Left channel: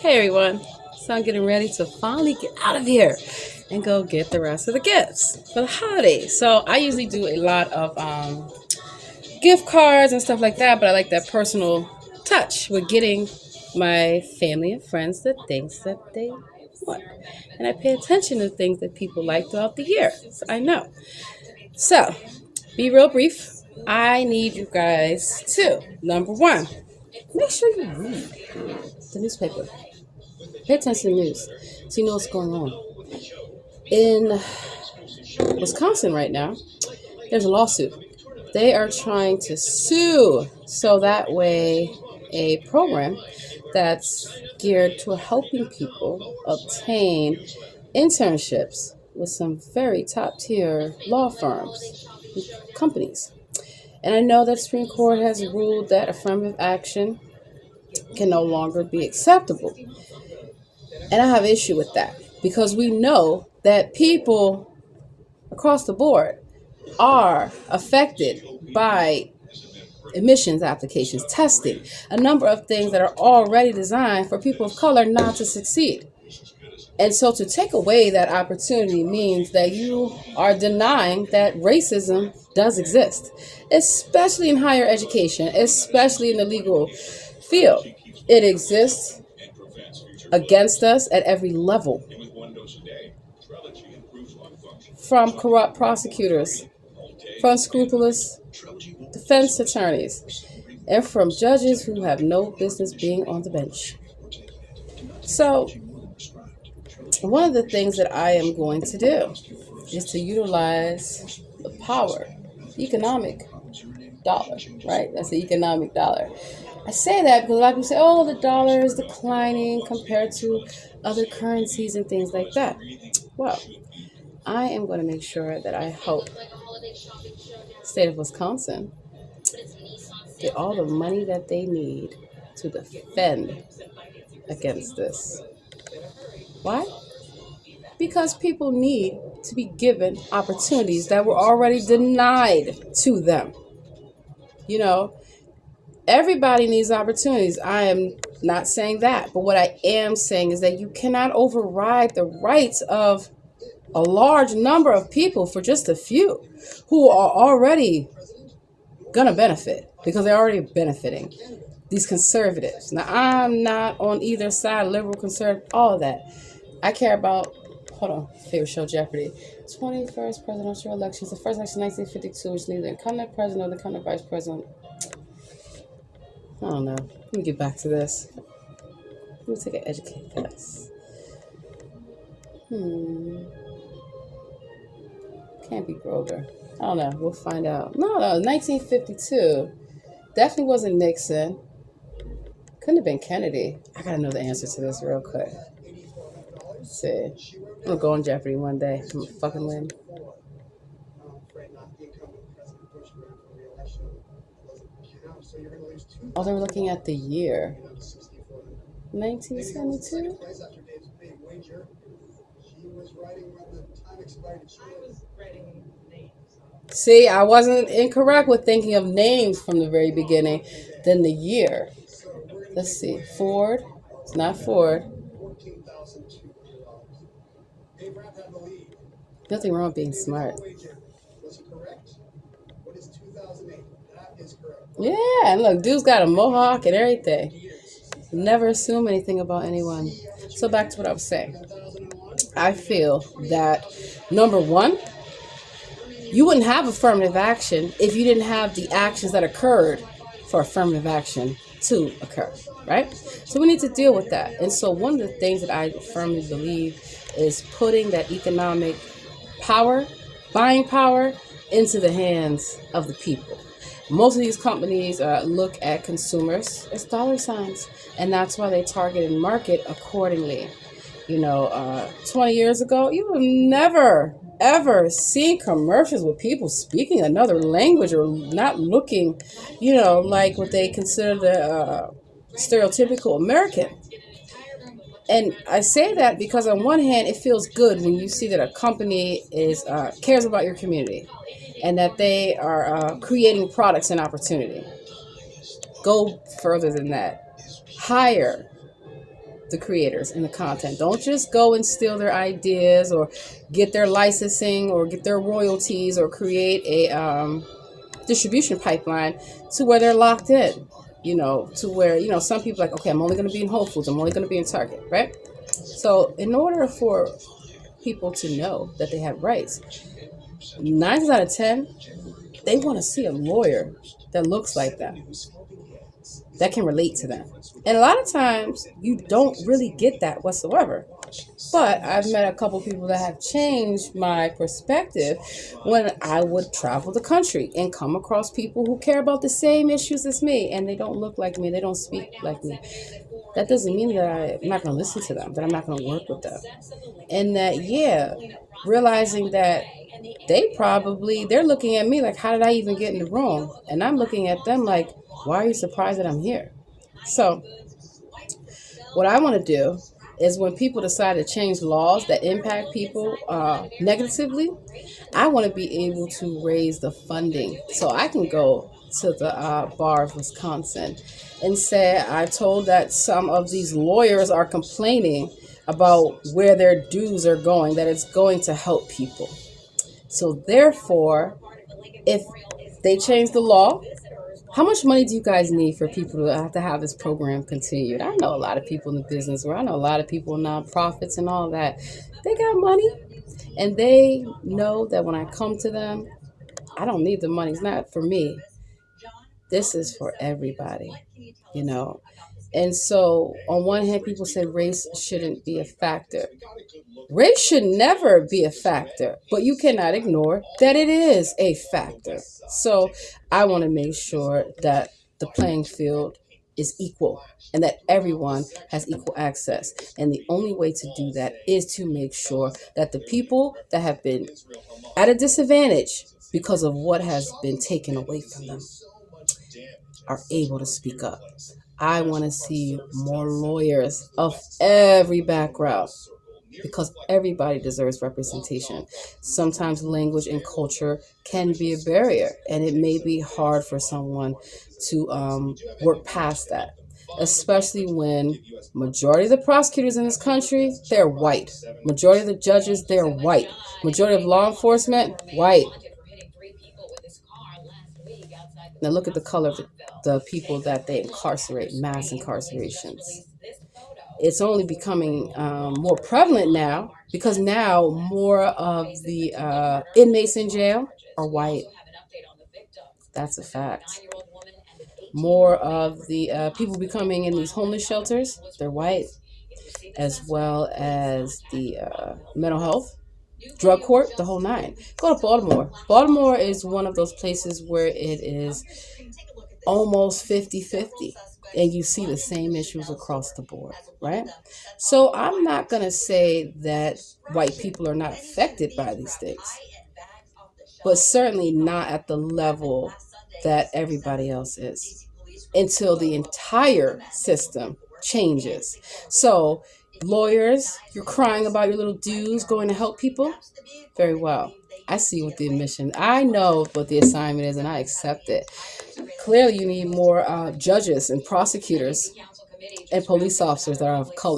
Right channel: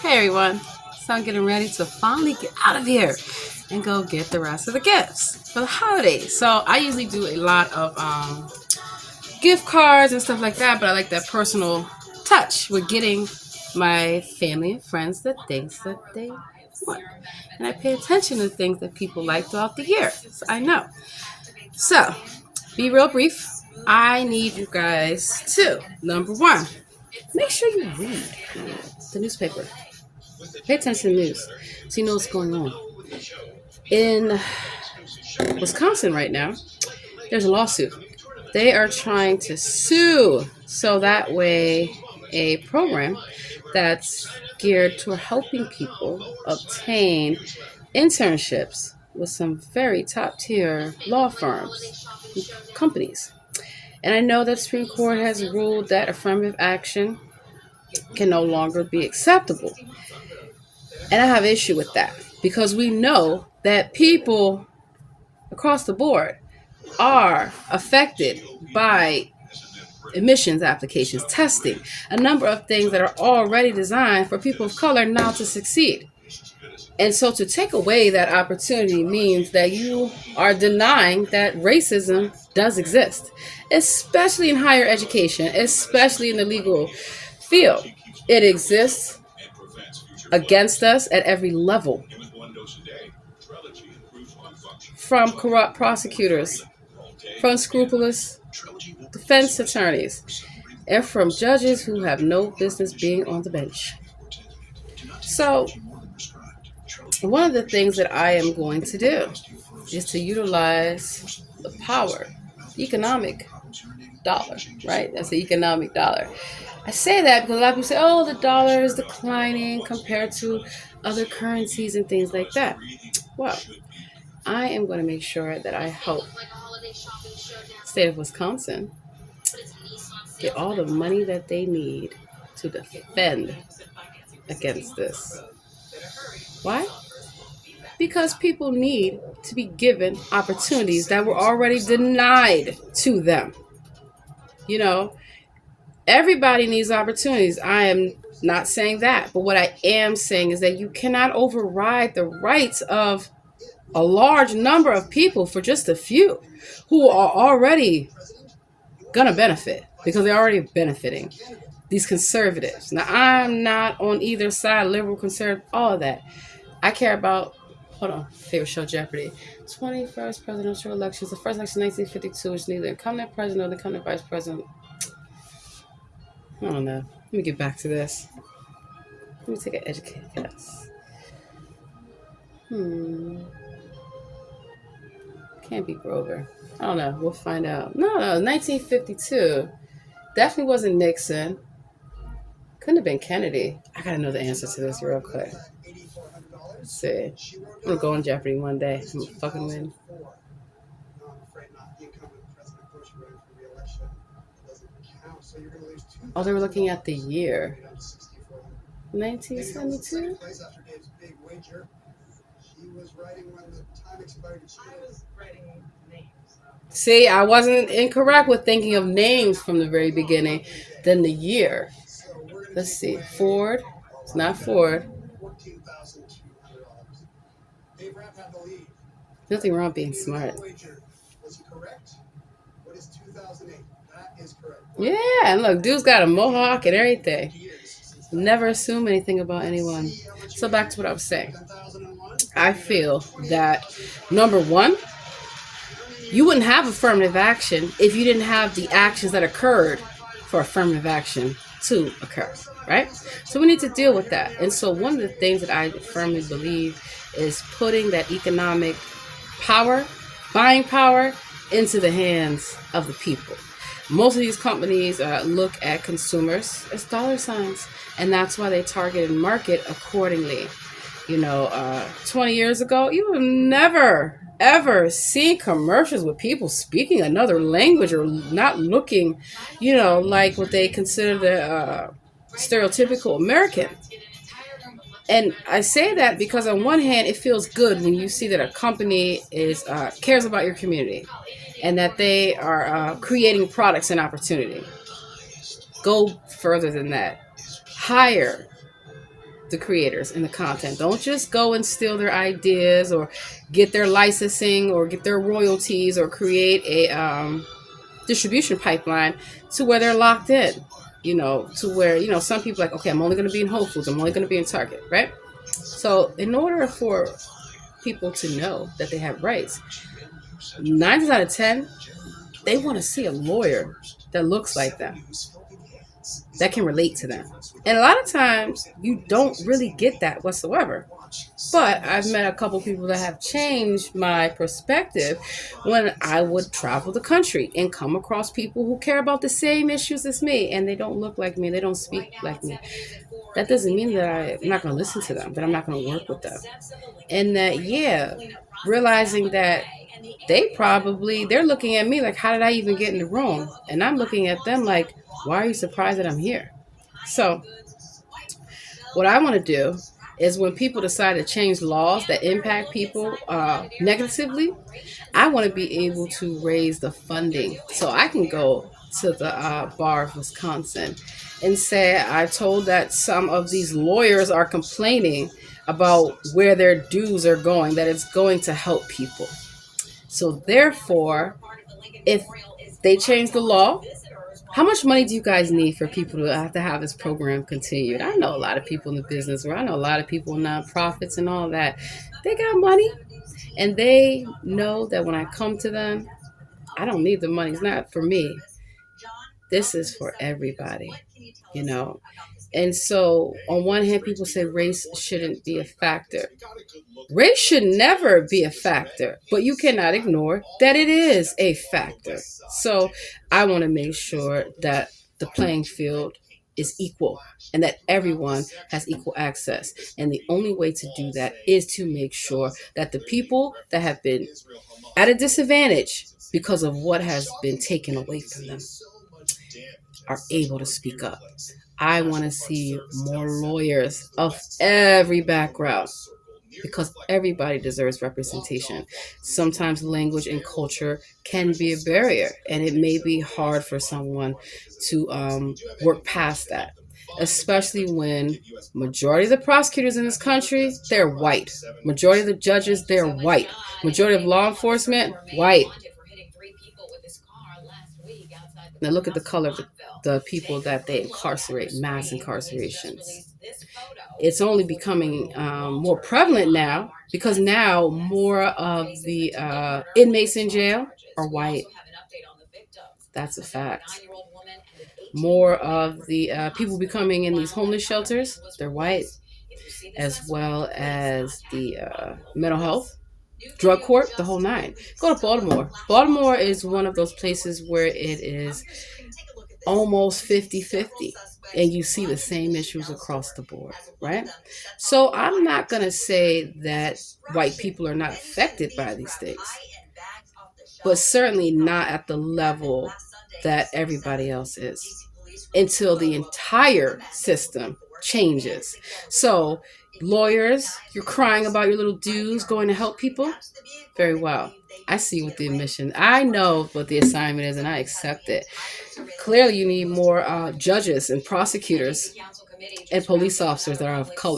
Hey everyone, so I'm getting ready to finally get out of here and go get the rest of the gifts for the holidays. So I usually do a lot of gift cards and stuff like that, but I like that personal touch with getting my family and friends the things that they want. And I pay attention to things that people like throughout the year. So I know. So, be real brief. I need you guys to, number one, make sure you read the newspaper. Pay attention to the news so you know what's going on. In Wisconsin right now, there's a lawsuit. They are trying to sue so that way a program that's geared toward helping people obtain internships with some very top tier law firms, companies. And I know that Supreme Court has ruled that affirmative action can no longer be acceptable. And I have issue with that because we know that people across the board are affected by admissions applications, testing, a number of things that are already designed for people of color not to succeed. And so to take away that opportunity means that you are denying that racism does exist, especially in higher education, especially in the legal field. It exists against us at every level, from corrupt prosecutors, from scrupulous defense attorneys, and from judges who have no business being on the bench. So, one of the things that I am going to do is to utilize the power, economic dollar, right? That's the economic dollar. I say that because a lot of people say, oh, the dollar is declining compared to other currencies and things like that. Well, I am going to make sure that I help the state of Wisconsin get all the money that they need to defend against this. Why? Because people need to be given opportunities that were already denied to them. You know, everybody needs opportunities. I am not saying that, but what I am saying is that you cannot override the rights of a large number of people for just a few who are already gonna benefit because they're already benefiting. These conservatives. Now, I'm not on either side, liberal, conservative, all of that. I care about, hold on, favorite show Jeopardy. 21st presidential elections. The first election in 1952 is neither incumbent president nor the incumbent vice president. I don't know. Let me get back to this. Let me take an educated guess. Can't be Grover. I don't know. We'll find out. No, 1952. Definitely wasn't Nixon. Couldn't have been Kennedy. I gotta know the answer to this real quick. Let's see. I'm gonna go on Jeopardy one day. I'm gonna fucking win. Oh, they were looking at the year. 1972? See, I wasn't incorrect with thinking of names from the very beginning. Then the year. Let's see. Ford. It's not Ford. Nothing wrong with being smart. Yeah, and look, dude's got a mohawk and everything. Never assume anything about anyone. So back to what I was saying. I feel that number one, you wouldn't have affirmative action if you didn't have the actions that occurred for affirmative action to occur, right? So we need to deal with that. And so one of the things that I firmly believe is putting that economic power, buying power, into the hands of the people. Most of these companies look at consumers as dollar signs, and that's why they target and market accordingly. 20 years ago, you would never, ever see commercials with people speaking another language or not looking, like what they consider the stereotypical American. And I say that because on one hand, it feels good when you see that a company cares about your community and that they are creating products and opportunity. Go further than that. Hire the creators and the content. Don't just go and steal their ideas or get their licensing or get their royalties or create a distribution pipeline to where they're locked in. To where, some people are like, okay, I'm only going to be in Whole Foods. I'm only going to be in Target, right? So in order for people to know that they have rights, 9 out of 10, they want to see a lawyer that looks like them, that can relate to them. And a lot of times you don't really get that whatsoever. But I've met a couple people that have changed my perspective when I would travel the country and come across people who care about the same issues as me, and they don't look like me, they don't speak like me. That doesn't mean that I'm not going to listen to them, that I'm not going to work with them. And that, yeah, realizing that they're looking at me like, how did I even get in the room? And I'm looking at them like, why are you surprised that I'm here? So what I want to do is when people decide to change laws that impact people negatively, I want to be able to raise the funding so I can go to the bar of Wisconsin and say, I told that some of these lawyers are complaining about where their dues are going, that it's going to help people. So therefore, if they change the law, how much money do you guys need for people to have this program continued? I know a lot of people in the business world. I know a lot of people in nonprofits and all that. They got money, and they know that when I come to them, I don't need the money. It's not for me. This is for everybody, you know. And so, on one hand, people say race shouldn't be a factor. Race should never be a factor, but you cannot ignore that it is a factor. So I want to make sure that the playing field is equal and that everyone has equal access. And the only way to do that is to make sure that the people that have been at a disadvantage because of what has been taken away from them are able to speak up. I want to see more lawyers of every background because everybody deserves representation. Sometimes language and culture can be a barrier, and it may be hard for someone to work past that, especially when majority of the prosecutors in this country, they're white. Majority of the judges, they're white. Majority of law enforcement, white. Now look at the color of the people that they incarcerate, mass incarcerations. It's only becoming more prevalent now because now more of the inmates in jail are white. That's a fact. More of the people becoming in these homeless shelters, they're white, as well as the mental health, drug court, the whole nine. Go to Baltimore. Baltimore is one of those places where it is almost 50-50, and you see the same issues across the board, right? So I'm not going to say that white people are not affected by these things, but certainly not at the level that everybody else is until the entire system changes. So lawyers, you're crying about your little dues going to help people. Very well. I see what the mission. I know what the assignment is, and I accept it. Clearly, you need more judges and prosecutors and police officers that are of color.